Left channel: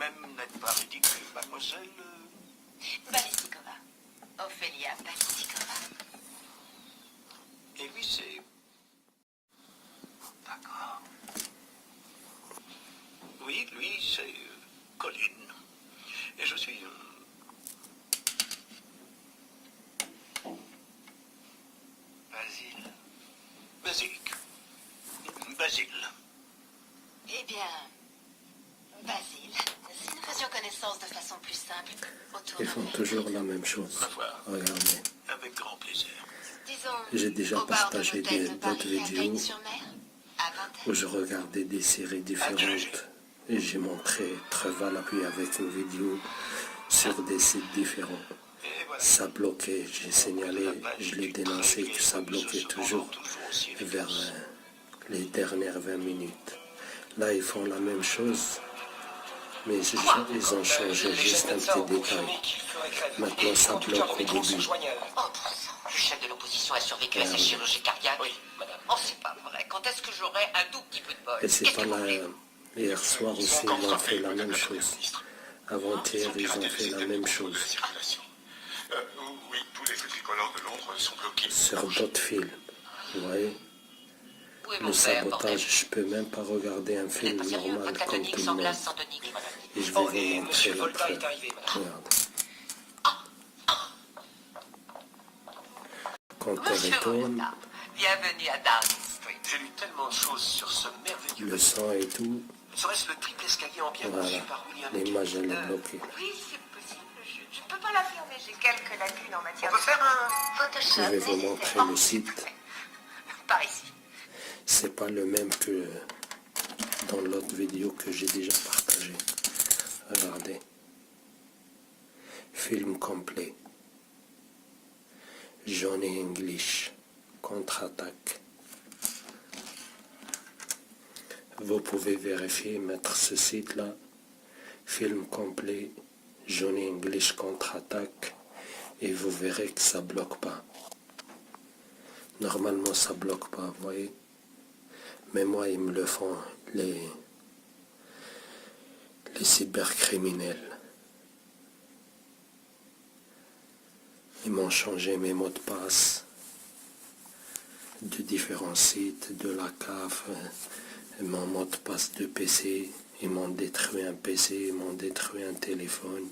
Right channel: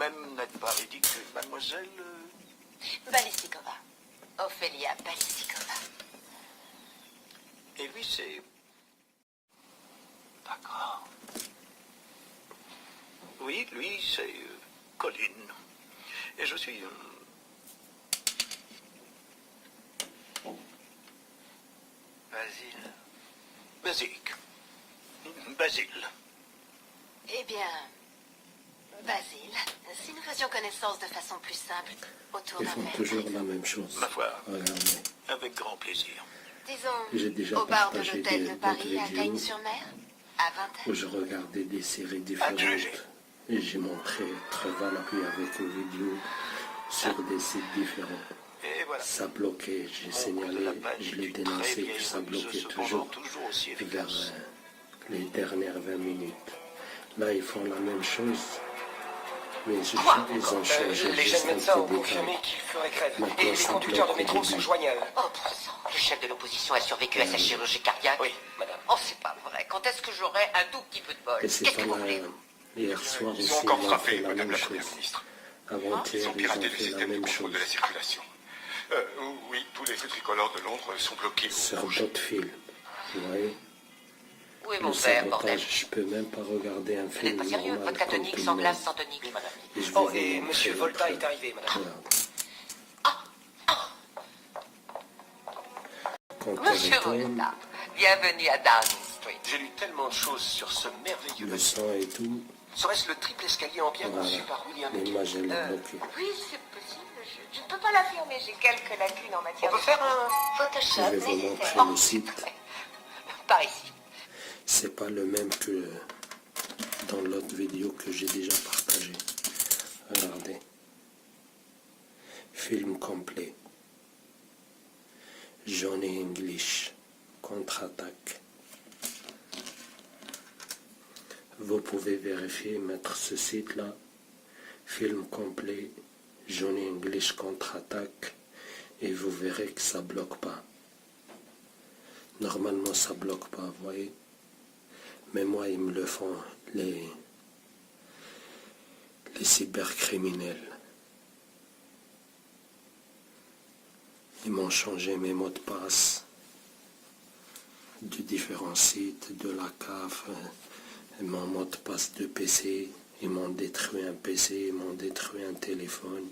Même n'a pas ridicule, mademoiselle. Ballistikova. Ophélia Ballistikova. Et lui, c'est... D'accord. Oui, lui, c'est Colline. Et je suis... Basile. Basilic. Basile. Eh bien, Basile, si nous faisions connaissance de façon plus simple, autour Ils d'un font verre. toujours la même chose. Ma foi, Regardez. avec grand plaisir. Disons, J'ai déjà au bar de partagé l'hôtel de d'autres Paris à vidéos Cagnes-sur-Mer, avant où je regardais des séries différentes et j'ai montré Treval puis avec une vidéo sur des sites différents. Et voilà. Ça bloquait, j'ai signalé, je l'ai dénoncé que ça bloquait toujours vers les dernières 20 minutes. Là, ils font la même chose, mais ils ont changé juste un petit détail. Maintenant, ça bloque au début. Oh, le chef de l'opposition a survécu à sa chirurgie cardiaque. Oui, madame. Oh, c'est pas vrai. Quand est-ce que j'aurai un tout petit peu de bol? Et c'est Qu'est-ce pas que vous là. voulez? Hier soir Ils aussi, ont encore ils ont frappé, fait la madame même la première chose. ministre. Avant-hier, ils ont fait la même chose. Oui, tous les feux tricolores de Londres sont bloqués. Sur d'autres films, vous voyez, Oui, le mon père, bordel. sabotage, je peux même pas regarder un Vous n'êtes film pas sérieux? normal Vodka comme tonique tout sans le monde. glace, sans tonique, madame. Et je vais Oh, vous et montrer monsieur la Volta preuve. est arrivé, madame. Regarde. Quand on Monsieur retourne, Volta, bienvenue à Downing Street. J'ai lu tellement de choses sur ce merveilleux le bâtiment. son et tout, Serait-ce le triple escalier en pierre voilà, conçu par William l'image elle est Kent? bloquée. Oui, c'est possible. Je ne peux pas l'affirmer. J'ai quelques lacunes en On matière peut faire un... Photoshop. Je vais vous montrer le site. Par ici. C'est pas le même que dans l'autre vidéo que j'ai déjà partagé. Regardez. Film complet. Johnny English. Contre-attaque. Vous pouvez vérifier, mettre ce site-là. Film complet. Johnny English contre-attaque. Et vous verrez que ça bloque pas. Normalement, ça bloque pas, vous voyez. Mais moi, ils me le font, les cybercriminels. Ils m'ont changé mes mots de passe de différents sites, de la CAF, mon mot de passe de PC. Ils m'ont détruit un PC, ils m'ont détruit un téléphone.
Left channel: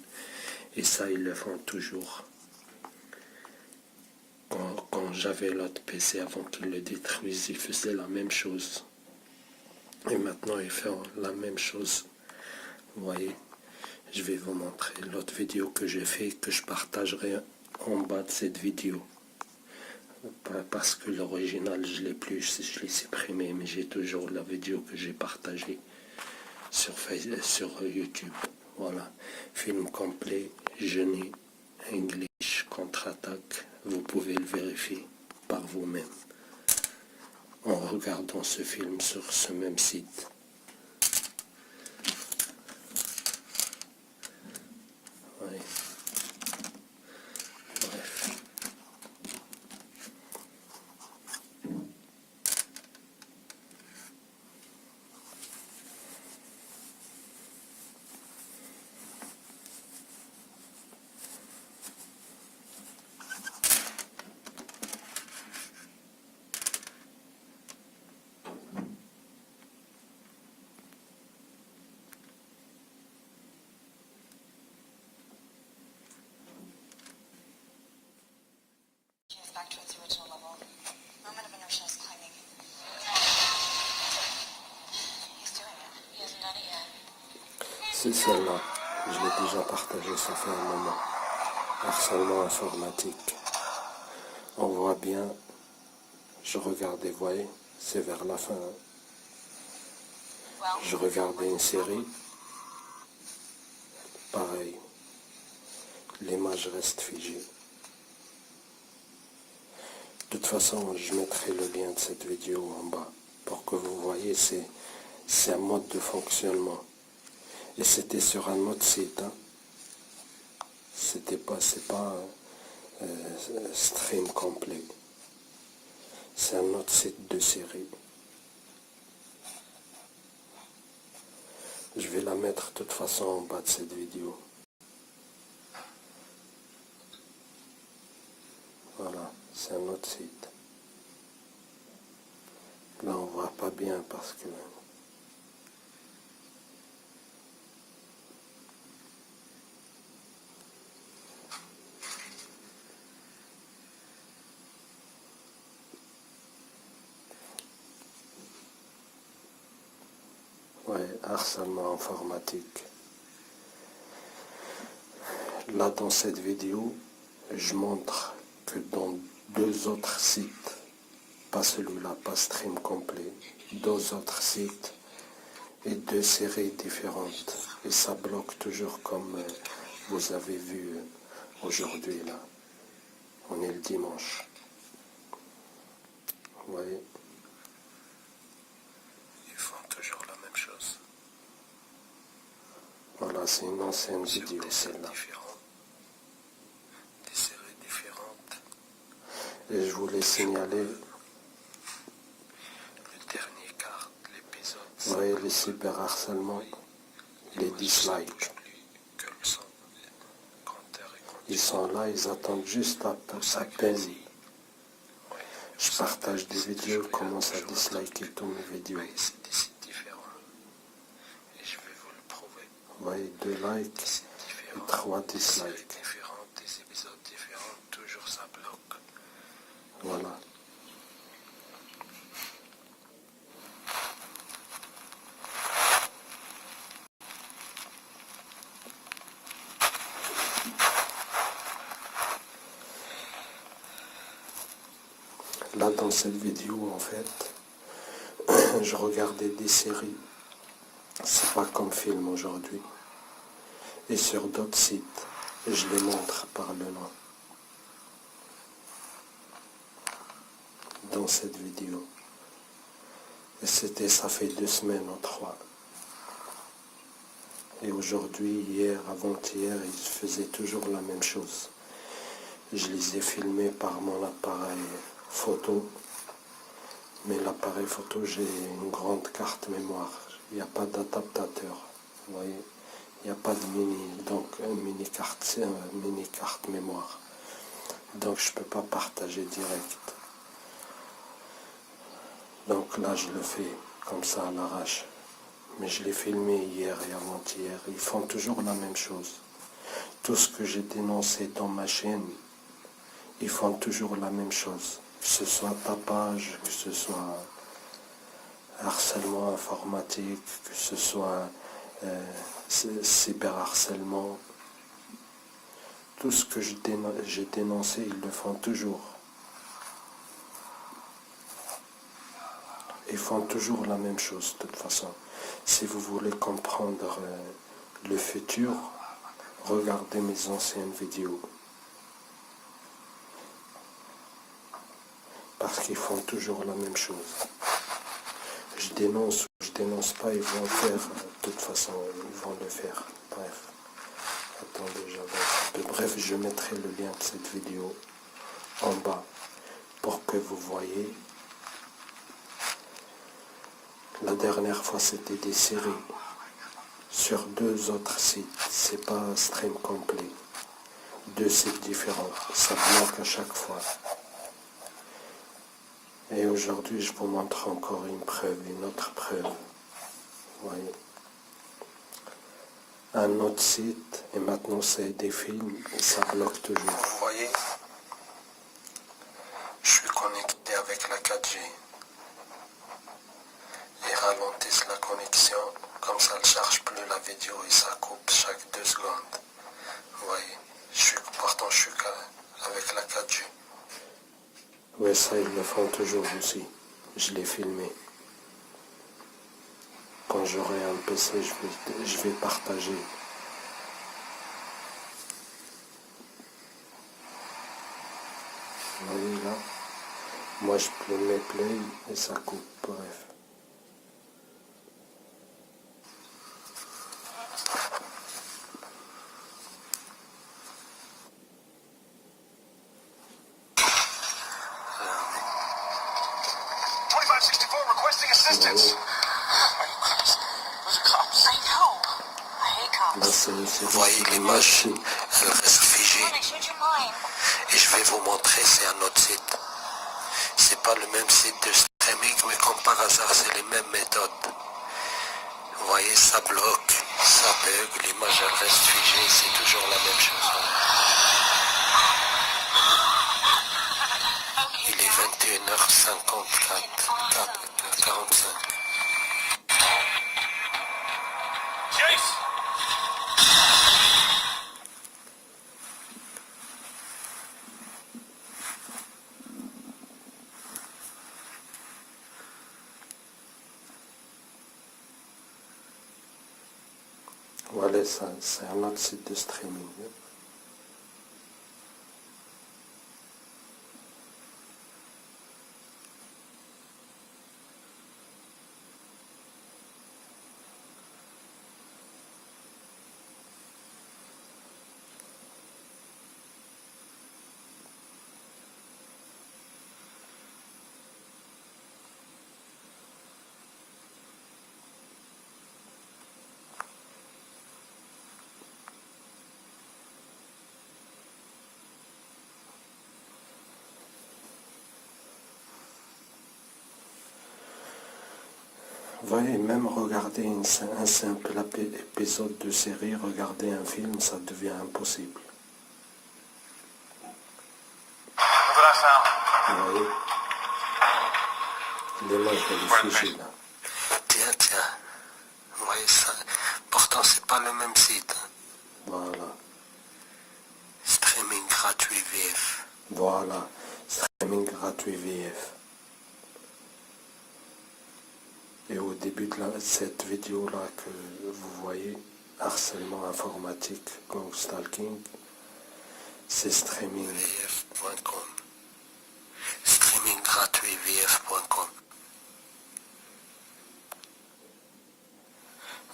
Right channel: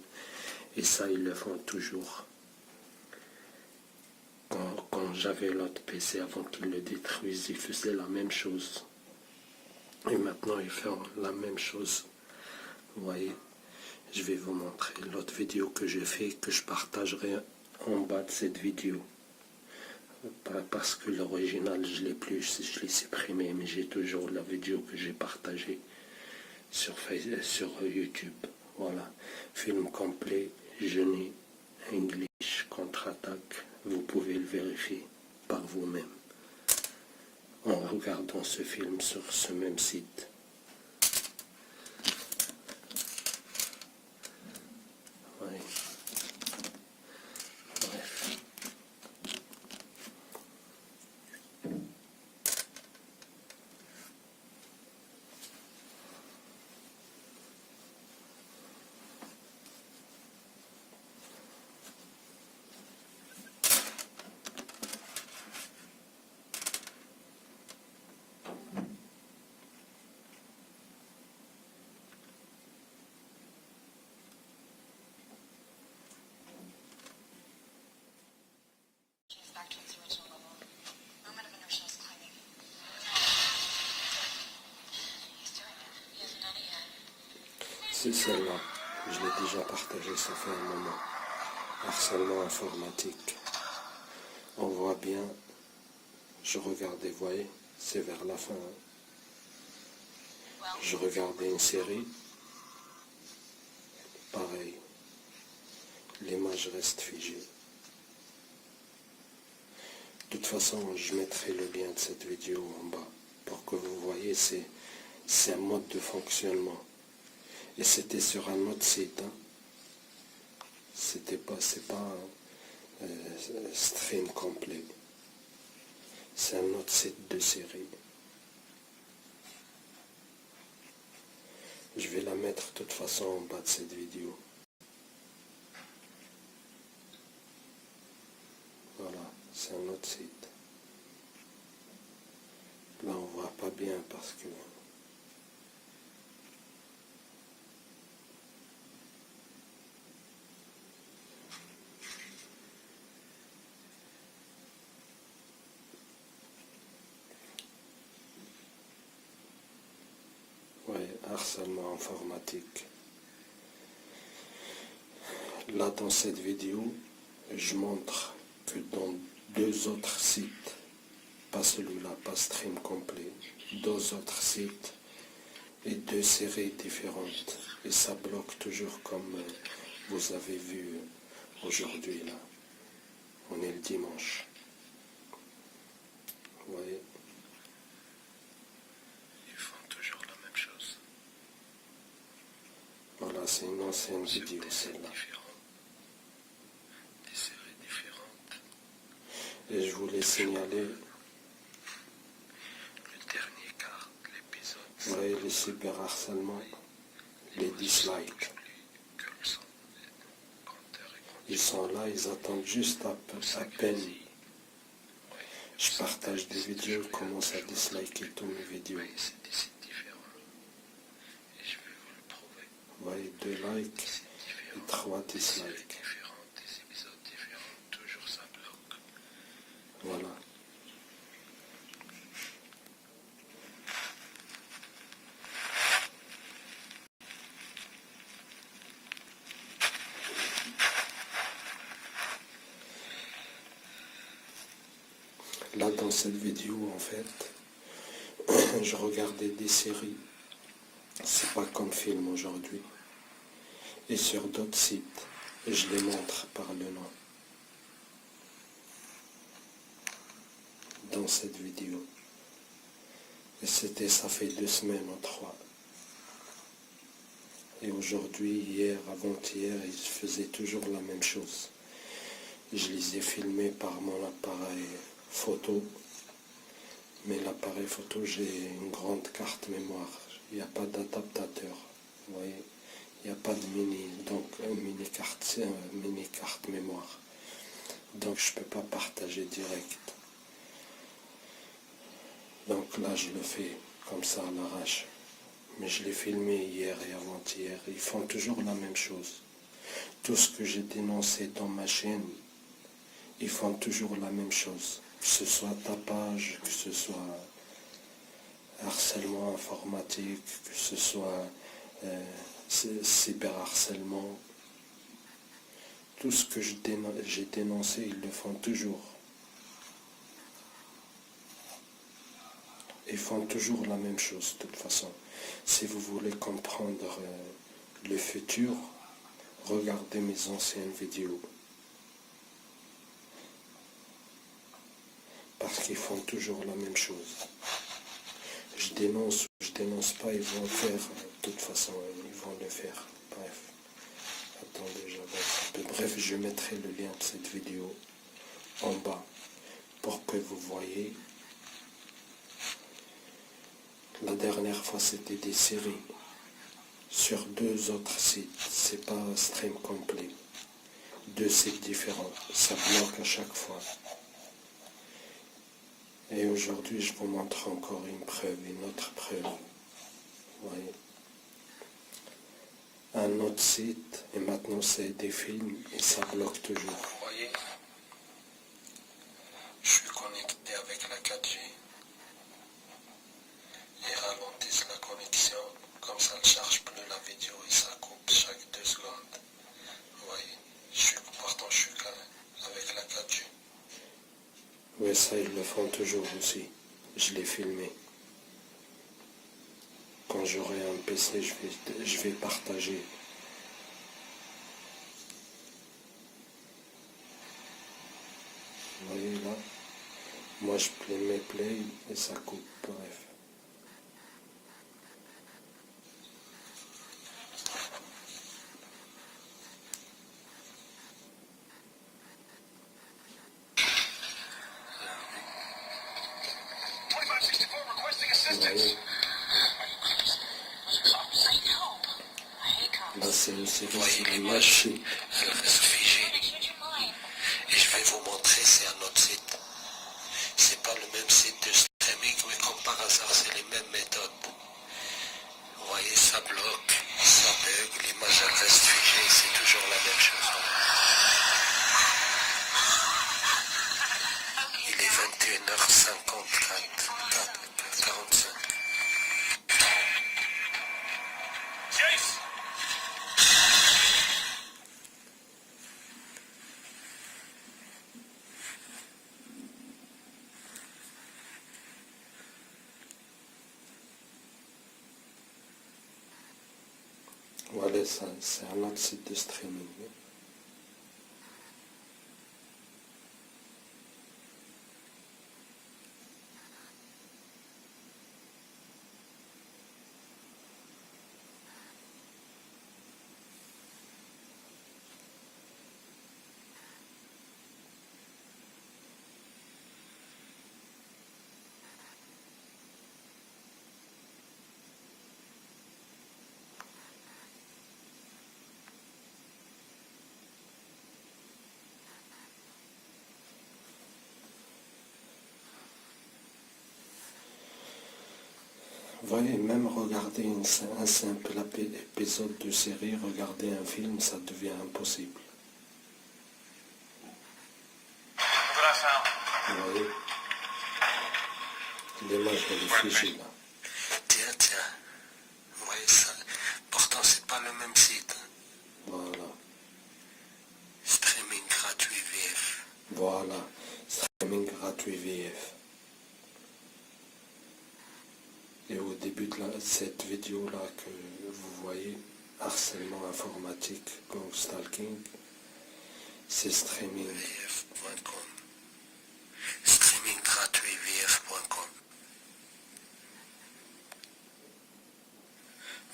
Et ça, ils le font toujours. Quand j'avais l'autre PC, avant qu'ils le détruisent, ils faisaient la même chose. Et maintenant, ils font la même chose. Vous voyez, je vais vous montrer l'autre vidéo que j'ai fait, que je partagerai en bas de cette vidéo. Parce que l'original, je l'ai plus, je l'ai supprimé, mais j'ai toujours la vidéo que j'ai partagée sur YouTube. Voilà, film complet, Johnny English contre-attaque. Vous pouvez le vérifier par vous-même en regardant ce film sur ce même site. Ouais. Bref. Back to its original level. Moment of inertia is climbing. He's doing it. He hasn't done it yet. C'est celle-là. Je l'ai déjà partagé, ça fait un moment. Harcèlement informatique. On voit bien, je regardais, vous voyez, c'est vers la fin. Je regardais une série. Pareil. L'image reste figée. De toute façon, je mettrai le lien de cette vidéo en bas pour que vous voyez, c'est un mode de fonctionnement. Et c'était sur un autre site. Hein. C'est pas un stream complet. C'est un autre site de série. Je vais la mettre mettre de toute façon en bas de cette vidéo. Voilà, c'est un autre site. Là, on voit pas bien parce que... Ouais, harcèlement informatique. Là, dans cette vidéo, je montre que dans 2 autres sites, pas celui-là, pas Stream Complet, 2 autres sites et 2 séries différentes. Et ça bloque toujours comme vous avez vu aujourd'hui là. On est le dimanche. Vous voyez? Ils font toujours la même chose. Voilà, c'est une ancienne vidéo, celle-là. Des séries différentes. Et je voulais signaler le dernier quart de l'épisode. Vous voyez les cyberharcèlements, les dislikes. Ils sont là, ils attendent juste à peine. Je partage des vidéos, ils commencent à disliker toutes mes vidéos. Vous voyez, 2 likes et 3 dislikes. Voilà. Là, dans cette vidéo, en fait, je regardais des séries. C'est pas comme film aujourd'hui. Et sur d'autres sites, je les montre par le nom. Dans cette vidéo. Et ça fait 2 semaines ou 3. Et aujourd'hui, hier, avant-hier, ils faisaient toujours la même chose. Je les ai filmés par mon appareil photo. Mais l'appareil photo, j'ai une grande carte mémoire. Il n'y a pas d'adaptateur. Vous voyez, il n'y a pas de mini carte mémoire. Donc je ne peux pas partager direct. Donc là, je le fais comme ça à l'arrache. Mais je l'ai filmé hier et avant-hier. Ils font toujours la même chose. Tout ce que j'ai dénoncé dans ma chaîne, ils font toujours la même chose. Que ce soit tapage, que ce soit harcèlement informatique, que ce soit cyberharcèlement. Tout ce que j'ai dénoncé, ils le font toujours. Ils font toujours la même chose, de toute façon. Si vous voulez comprendre le futur, regardez mes anciennes vidéos. Parce qu'ils font toujours la même chose. Je dénonce ou je dénonce pas, ils vont faire, de toute façon, ils vont le faire. Bref. Attendez, j'avance. Bref, je mettrai le lien de cette vidéo en bas pour que vous voyez. La dernière fois, c'était des séries sur 2 autres sites. C'est pas Stream Complet. 2 sites différents. Ça bloque à chaque fois. Et aujourd'hui, je vous montre encore une preuve, une autre preuve. Vous voyez. Un autre site, et maintenant c'est des films, et ça bloque toujours. Vous voyez, je suis connecté avec la 4G. Ils ralentissent la connexion, comme ça ne charge plus la vidéo et ça coupe chaque 2 secondes. Vous voyez, pourtant je suis avec la 4G. Oui, ça, ils le font toujours aussi. Je l'ai filmé. Quand j'aurai un PC, je vais partager. Vous voyez là? Moi, je mets play et ça coupe. Bref. Requesting assistance. There's cops. I know. Là, c'est Vous voyez l'image, elle reste figée. Et je vais vous montrer, c'est un autre site. C'est pas le même site de streaming, mais comme par hasard, c'est les mêmes méthodes. Vous voyez, ça bloque, ça bug, l'image elle reste figée, c'est toujours la même chose. Il est 21h54, 45. Voilà, ça, c'est un autre site de streaming. Vous voyez, même regarder un simple épisode de série, regarder un film, ça devient impossible. Vous voyez, l'image elle est figée là. Tiens. Vous voyez ça. Pourtant, c'est pas le même site. Voilà, Streaming gratuit VF. voilà, streaming gratuit VF. Et au début de cette vidéo-là que vous voyez, harcèlement informatique, gang stalking, c'est streaming. VF.com. Streaming gratuit VF.com.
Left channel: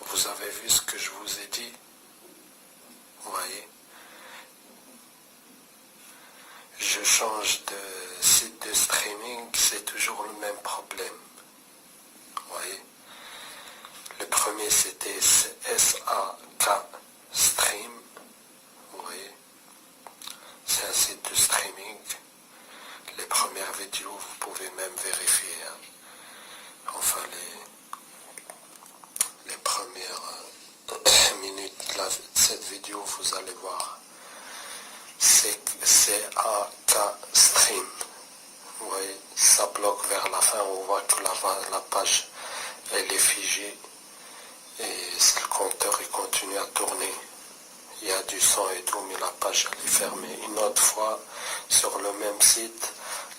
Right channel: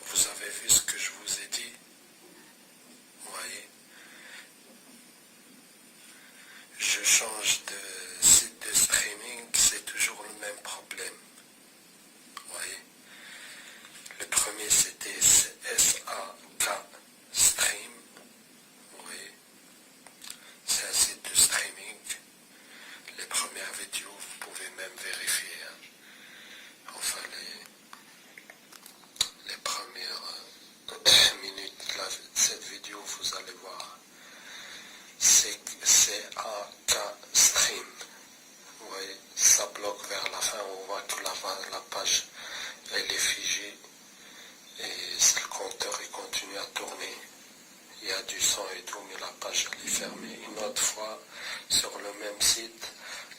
Vous avez vu ce que je vous ai dit? Vous voyez? Je change de site de streaming, c'est toujours le même problème. Vous voyez, le premier c'était SAK Stream. Vous voyez, c'est un site de streaming. Les premières vidéos, vous pouvez même vérifier. Hein. Enfin, les premières minutes de cette vidéo, vous allez voir. C'est SAK Stream. Vous voyez, ça bloque vers la fin, on voit que la page elle est figée et le compteur il continue à tourner. Il y a du son et tout, mais la page elle est fermée. Une autre fois, sur le même site,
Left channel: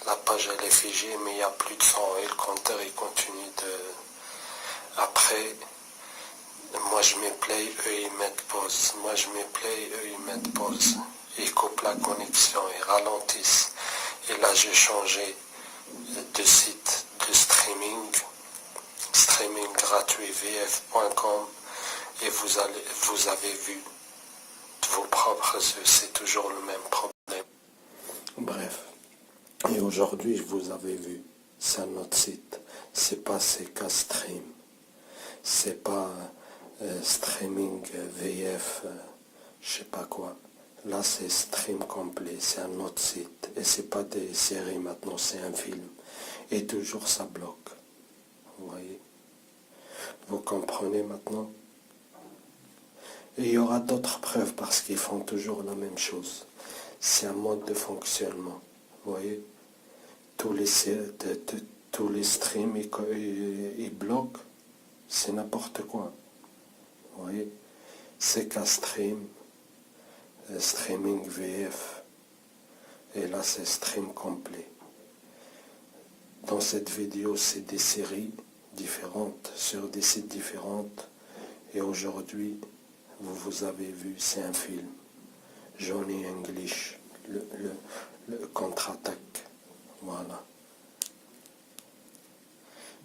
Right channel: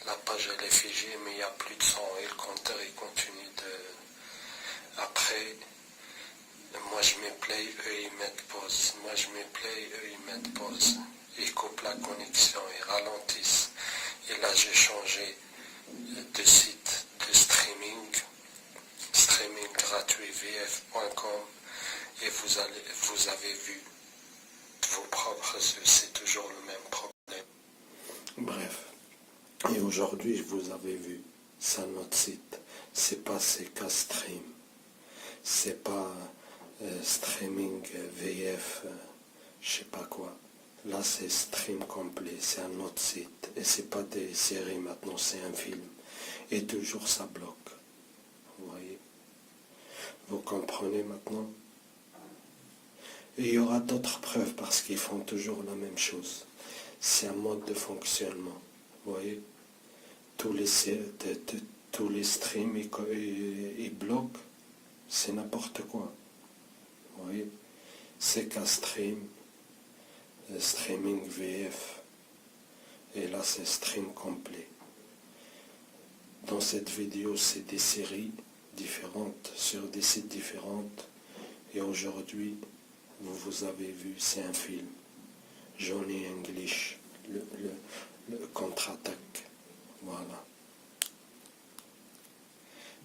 la page elle est figée, mais il n'y a plus de son et le compteur il continue de... Après, moi je mets play, eux ils mettent pause. Moi je mets play, eux ils mettent pause. Ils coupent la connexion, ils ralentissent. Et là j'ai changé de site de streaming gratuit vf.com et vous avez vu de vos propres yeux, c'est toujours le même problème. Bref, et aujourd'hui vous avez vu, c'est un autre site, c'est pas CK Stream, c'est pas streaming VF, je sais pas quoi. Là c'est stream complet, c'est un autre site, et c'est pas des séries maintenant, c'est un film, et toujours ça bloque. Vous voyez, vous comprenez maintenant? Et il y aura d'autres preuves parce qu'ils font toujours la même chose. C'est un mode de fonctionnement. Vous voyez, tous les streams ils bloquent, c'est n'importe quoi. Vous voyez, c'est qu'un stream, streaming VF, et là c'est stream complet. Dans cette vidéo, c'est des séries différentes sur des sites différents, et aujourd'hui, vous avez vu, c'est un film. Johnny English, le contre-attaque. Voilà.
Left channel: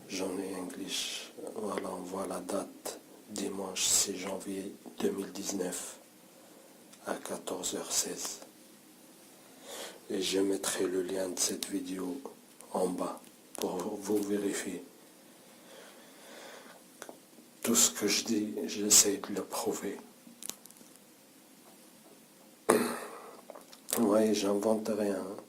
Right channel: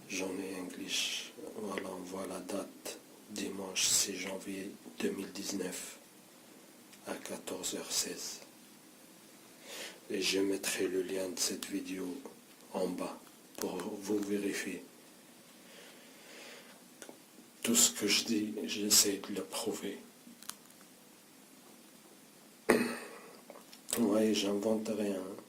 Johnny English. Voilà, on voit la date. Dimanche 6 janvier 2019 à 14h16. Et je mettrai le lien de cette vidéo en bas pour vous vérifier. Tout ce que je dis, j'essaie de le prouver. Vous voyez, j'invente rien.